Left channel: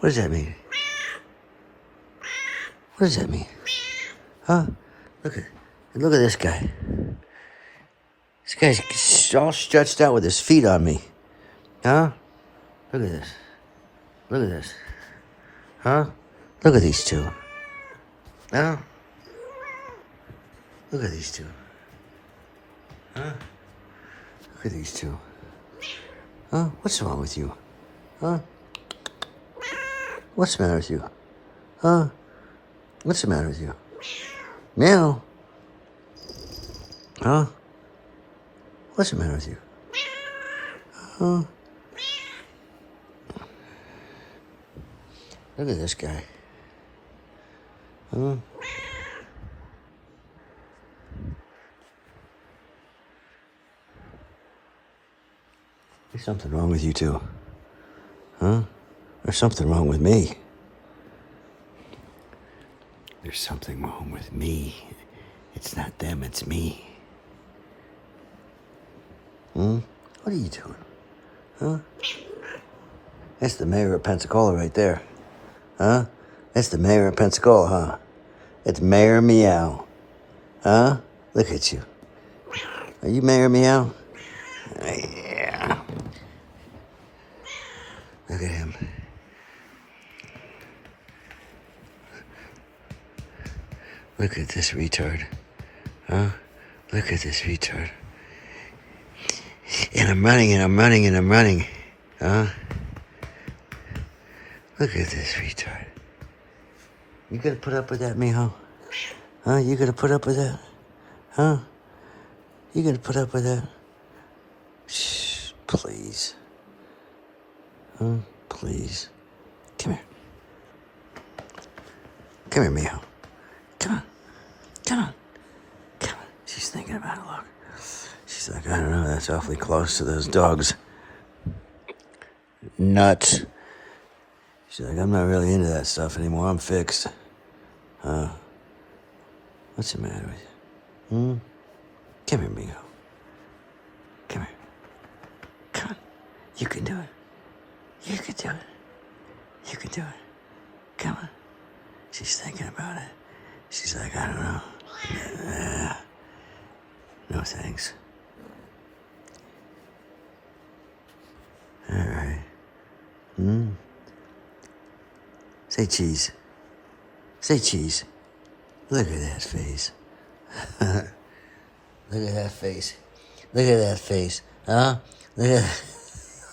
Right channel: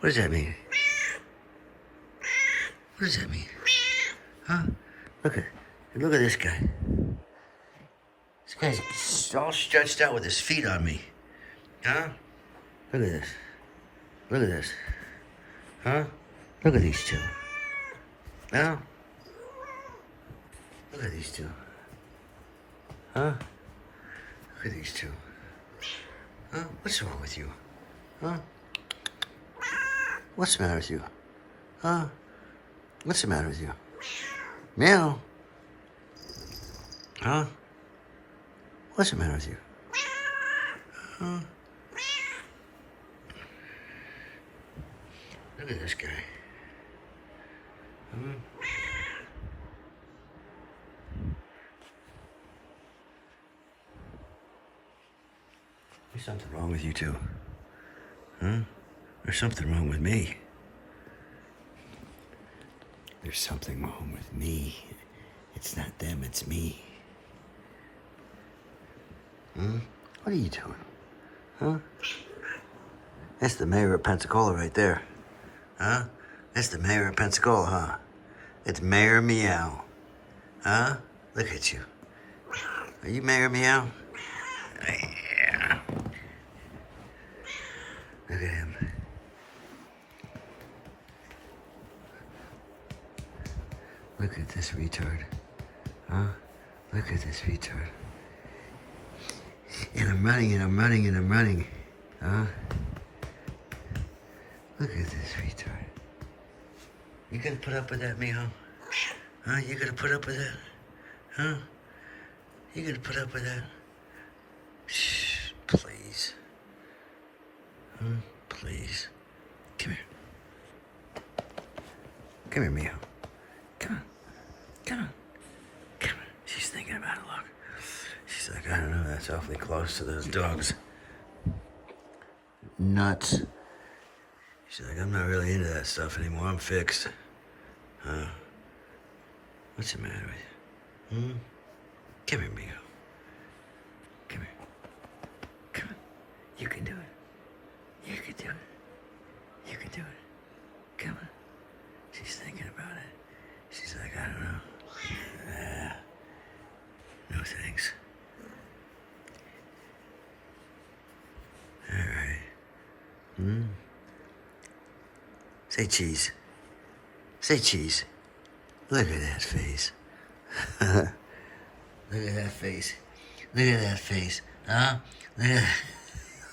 What does that mean? What does that mean? Huh? Look at this guy. This guy's all stretched out with his feet on me. Huh? Look at this. Look at this. Huh? Look at these two. Huh? Look at these two. Huh? Look at these two. Huh? What's wrong with you? Huh? What's the matter with you? Huh? What's the matter with you? Meow. Huh? What's the matter with you? Huh? Look at this guy. Huh? There's something wrong with you too. Huh? There's something wrong with me. There's something wrong with me. It's not them, it's me. What are you doing? Huh? That's the mayor of Pensacola right there. Huh? That's the mayor of Pensacola, huh? It's Mayor Meow. Huh? Look at you. Are you Mayor Meow? Yeah. Look at him. Look at this retard. Huh? Look at this retard. And I'm running. Huh? Look at this retard. You gonna put up with that, mijo? Huh? You gonna put up with that? Huh? You gonna put up with that? Shh, please. Huh? Please. Come here. Come here, mijo. Come on. Come on. Come on. She's thinking about it, look. She's like, I don't know, that's awfully close to those dogs. Nuts. She's like, I'm not really into that stuff anymore. I'm fixed. What's the matter with you? Come here, mijo. Come here. Come on. You can do it. You can do it. You can do it. Come on. She's thinking about it. She's like, I don't know. No thanks. All right. Say cheese. Say cheese. Look at that face. Look at that face. Look at that face. Huh? Look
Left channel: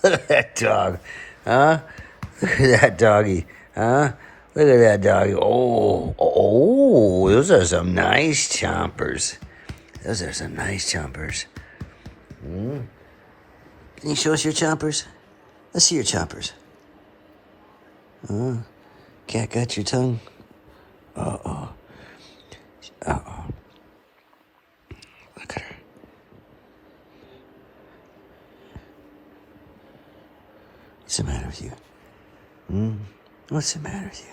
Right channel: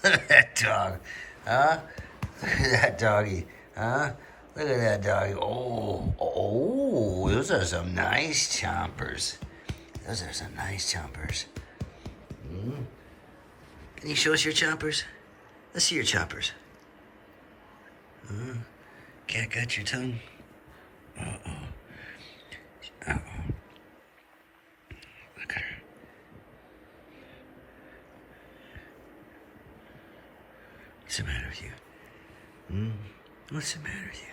at that dog. Huh? Look at that doggy. Huh? Look at that doggy. Oh, those are some nice chompers. Those are some nice chompers. Can you show us your chompers? Let's see your chompers. Cat got your tongue? Uh-oh. Look at her. What's the matter with you? What's the matter with you?